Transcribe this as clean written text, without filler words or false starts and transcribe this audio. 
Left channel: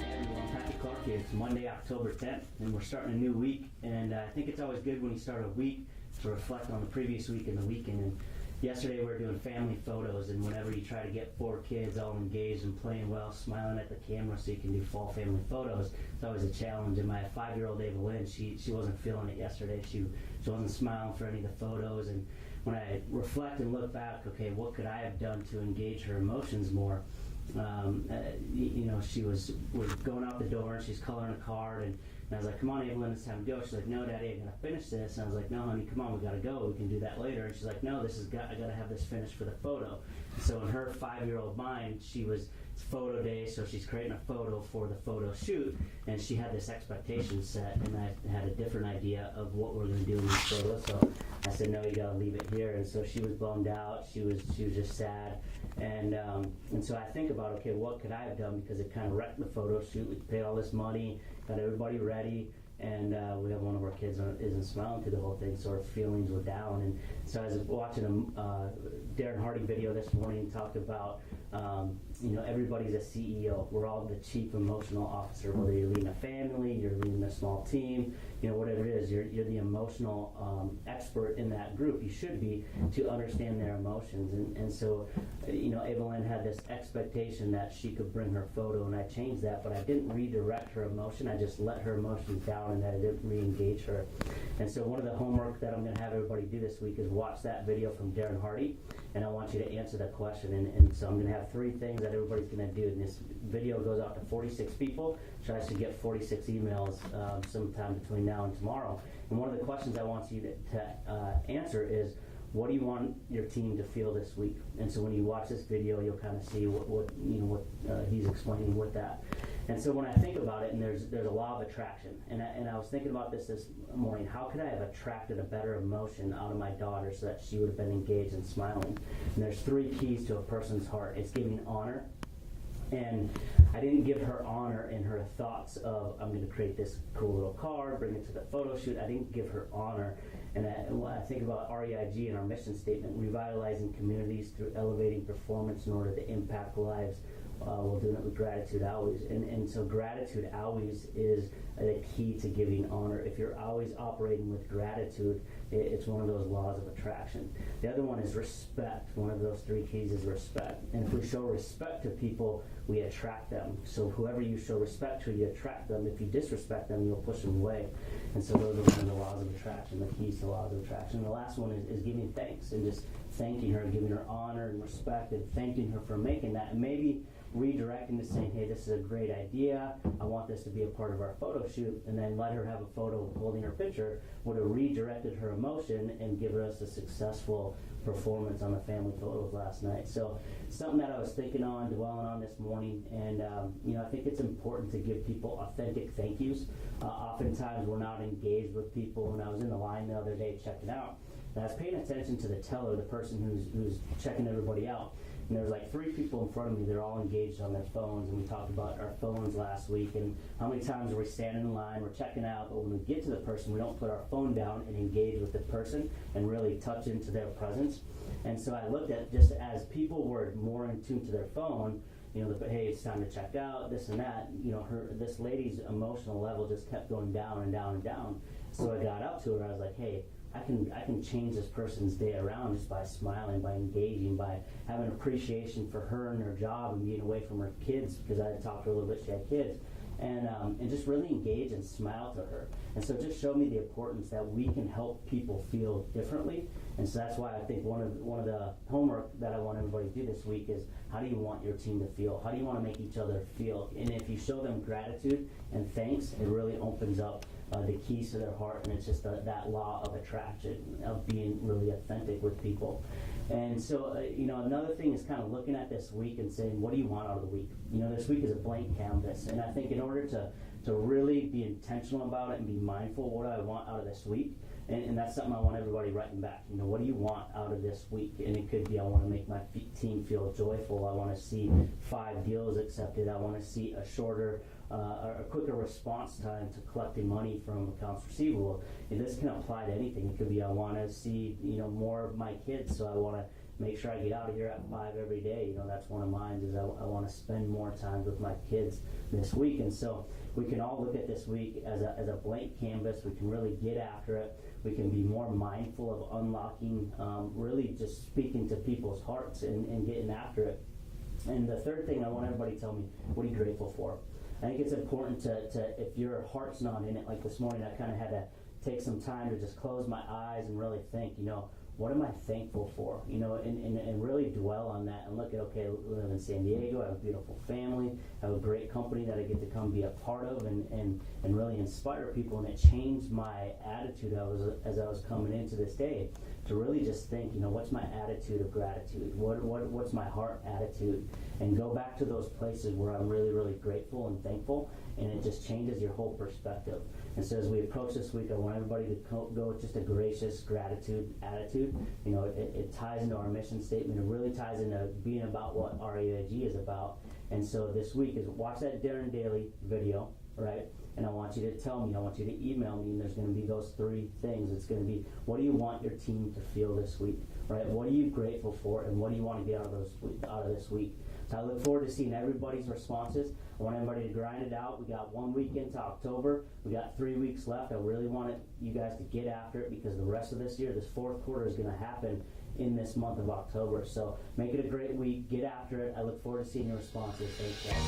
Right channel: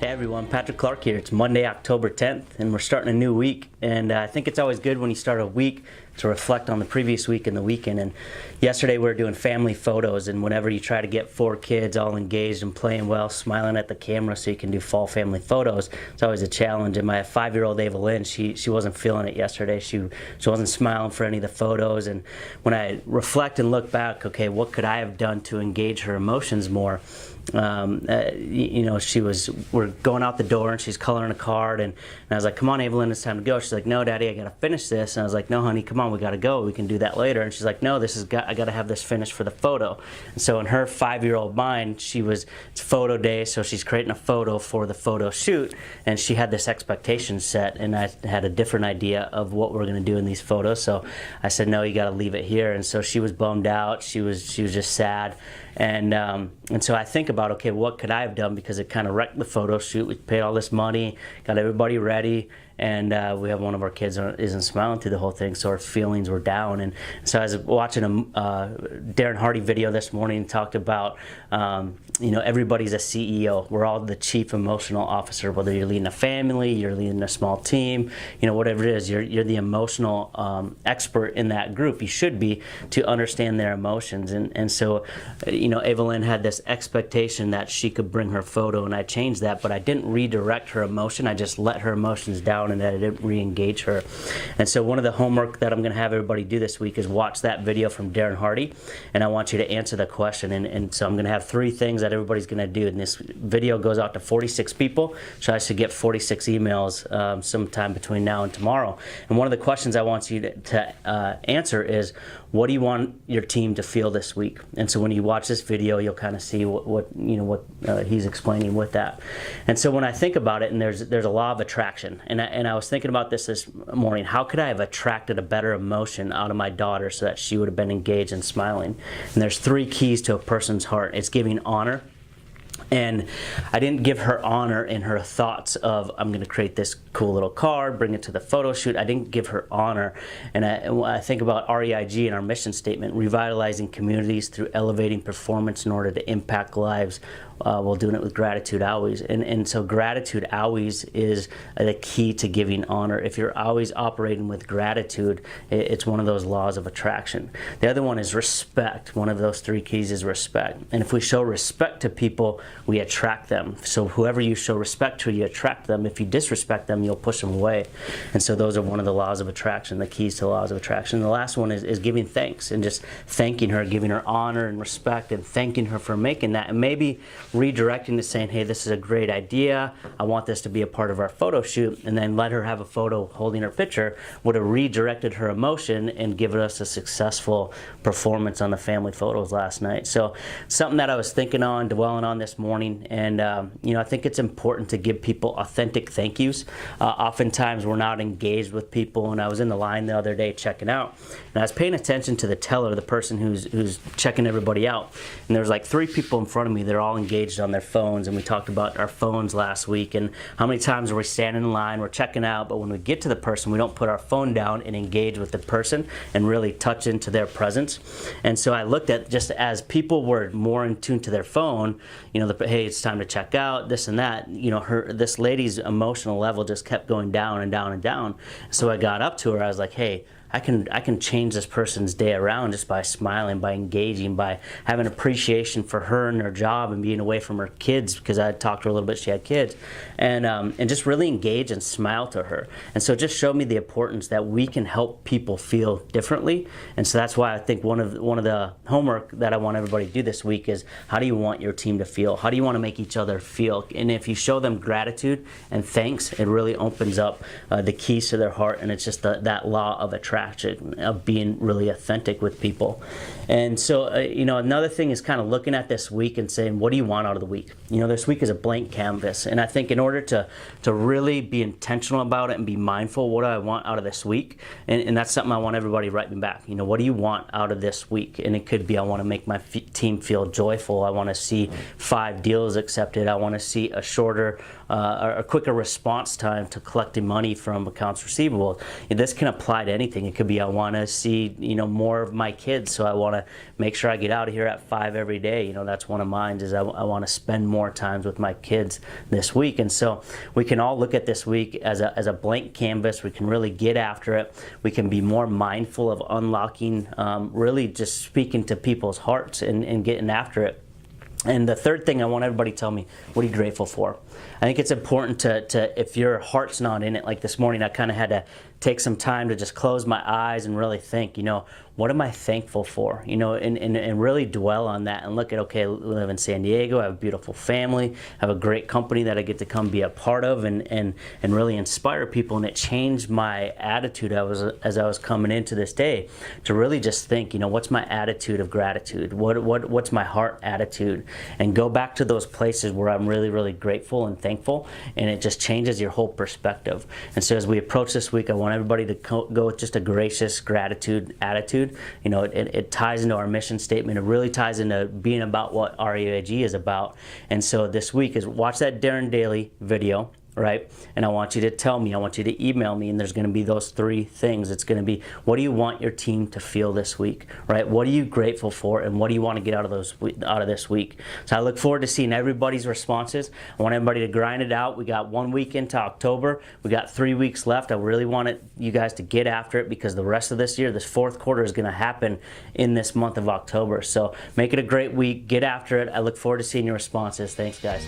Hey everyone, Patrick Clark here. It's Monday, October 10th, and we're starting a new week. And I think it's always good when you start a week to reflect on the previous week and the weekend. And yesterday we were doing family photos, and whenever you try to get 4 kids all engaged and playing well, smiling at the camera so you can do fall family photos, it's always a challenge. And my 5-year-old Evelyn, she wasn't feeling it yesterday. She wasn't smiling for any of the photos. And when I reflect and look back, okay, what could I have done to engage her emotions more? You know, we're going out the door and she's coloring a card, and I was like, come on Evelyn, it's time to go. She's like, no Daddy, I gotta finish this. And I was like, no honey, come on, we gotta go, we can do that later. And she's like, no, I gotta have this finished for the photo. And so in her 5-year-old mind, it's photo day, so she's creating a photo for the photo shoot, and she had this expectation set, and I had a different idea of what we're gonna do in these photos. So I said, no, you gotta leave it here. And so she was bummed out, she was just sad. And so I think about, okay, what could I have done, because it kind of wrecked the photo shoot. We paid all this money, got everybody ready, and we have one of our kids isn't smiling through the whole thing, so our feelings were down. And so I was watching a Darren Hardy video this morning and talked about, you know, everybody's a CEO. We're all the chief emotional officer, whether you're leading a family, you're leading a small team, you know, whatever it is, you're the emotional expert in that group. You should be, to understand their emotions. And so, you know, Evelyn had this expectation that she could bring her photo, and I changed that, but I didn't redirect her emotion. I just let her emotions down, and I didn't re-engage her. And so one of the homework that I'm going to have everybody do this week is watch that video from Darren Hardy, and I want you to answer the question. And so I'm going to have 3 things that everybody's going to do, and this video goes out to 46 people, so I should get 46 emails sometime between now and tomorrow. And one of the questions I want you to answer is, what do you want your team to feel this week? And so when you watch this video, you'll kind of see what he's explaining with that. And so when I think about it, and there's a law of attraction, and I was thinking about this morning, how could I have attracted a better emotion out of my daughter so that she would have been engaged and smiling? And there's 3 keys to a person's heart. It's giving honor. And I didn't give her honor in her thoughts of, I'm going to create this cool little card, bring it to the photo shoot. I didn't give her honor. And I think about REIG and our mission statement, revitalizing communities through elevating performance in order to impact lives while doing it with gratitude always. And so gratitude always is the key to giving honor. If you're always operating with gratitude, it's one of those laws of attraction. The other one is respect. One of those 3 keys is respect. And if we show respect to people, we attract them. So whoever you show respect to, you attract them. If you disrespect them, you'll push them away. And so those are one of the laws of attraction, the keys to laws of attraction. The last one is giving thanks, and just thanking her, giving her honor and respect, and thanking her for making that, and maybe redirecting to saying, hey, this is a great idea, I want this to be a part of our photo shoot, and then let her have a photo holding her picture, would have redirected her emotion and given us a successful performance on the family photos last night. So something that I was thinking on, dwelling on this morning, and you know, I think it's important to give people authentic thank yous. Oftentimes we're not engaged with people, and I was in the line the other day checking out, and I was paying attention to the teller, the person who's checking everybody out, and there was like 3 people in front of me. They're all engaged on their phones, and we talked about our phones last week, and how many times are we standing in line, we're checking out, but when we get to the person, we don't put our phone down and engage with the person and really touch into their presence. And so I looked at, just as people were more in tune to their phone, you know, hey, it's time to check out, this and that, you know, this lady's emotional level just kept going down and down and down. So I got up to her, I was like, hey, I can change this person's day around just by smiling, by engaging, by having appreciation for her and her job and being away from her kids, because I talked to her a little bit, she had kids, and just really engage and smile to her. And so it just showed me the importance that we can help people feel differently. And so that's why I think one of the homework that I want everybody to do this week is, how do you want your team to feel? How do you want to make each other feel? And if you show them gratitude and thanks, it really opens up the keys to their heart, and it's just that law of attraction, of being really authentic with people. And so, you know, another thing is kind of looking at this week and saying, what do you want out of the week? You know, this week is a blank canvas, and I think in order to really be intentional about it and be mindful, what do I want out of this week? And that's something I want everybody writing back. You know, what do you want out of this week? And it could be, I want to make my team feel joyful. I want to see 5 deals accepted. I want to see a shorter a quicker response time to collecting money from accounts receivable. This can apply to anything. It could be I want to see, more of my kids, so I want to make sure I get out of here at 5 every day. That's one of mine, is I want to spend more times with my kids this week. And so we can all look at this week as a blank canvas. We can really get after it. We can be more mindful of unlocking, really just speaking to people's hearts and getting after it. And the third thing, I want everybody to tell me, what are you grateful for? I think it's important to if your heart's not in it, like this morning, I kind of had to take some time to just close my eyes and really think, what am I thankful for? And really dwell on that and look at, okay, I live in San Diego, I have a beautiful family, I have a great company that I get to come be a part of and really inspire people. And it changed my attitude as I was coming into this day to really just think, what's my attitude of gratitude? What's my heart attitude? And go back to those places where I'm really, really grateful and thankful, and it just changes your whole perspective. And so as we approach this week, I want everybody to go with just a gracious gratitude attitude. It ties into our mission statement. It really ties into being about what REAG is about. And so this week is watch that Darren Daily video, right? And I want you to tell me, I want you to email me, and there's going to be those 3 things. It's going to be, what do you want your team to feel this week, right? What are you grateful for, and what do you want to get out of this week? So I look forward to seeing everybody's responses. I want everybody to grind it out. We got 1 week into October. We got 3 weeks left. I really want you guys to get after it, because the rest of this year, this 4th quarter, is going to happen in this month of October. So make it a great week. Get after it. I look forward to seeing your responses. Thanks, guys.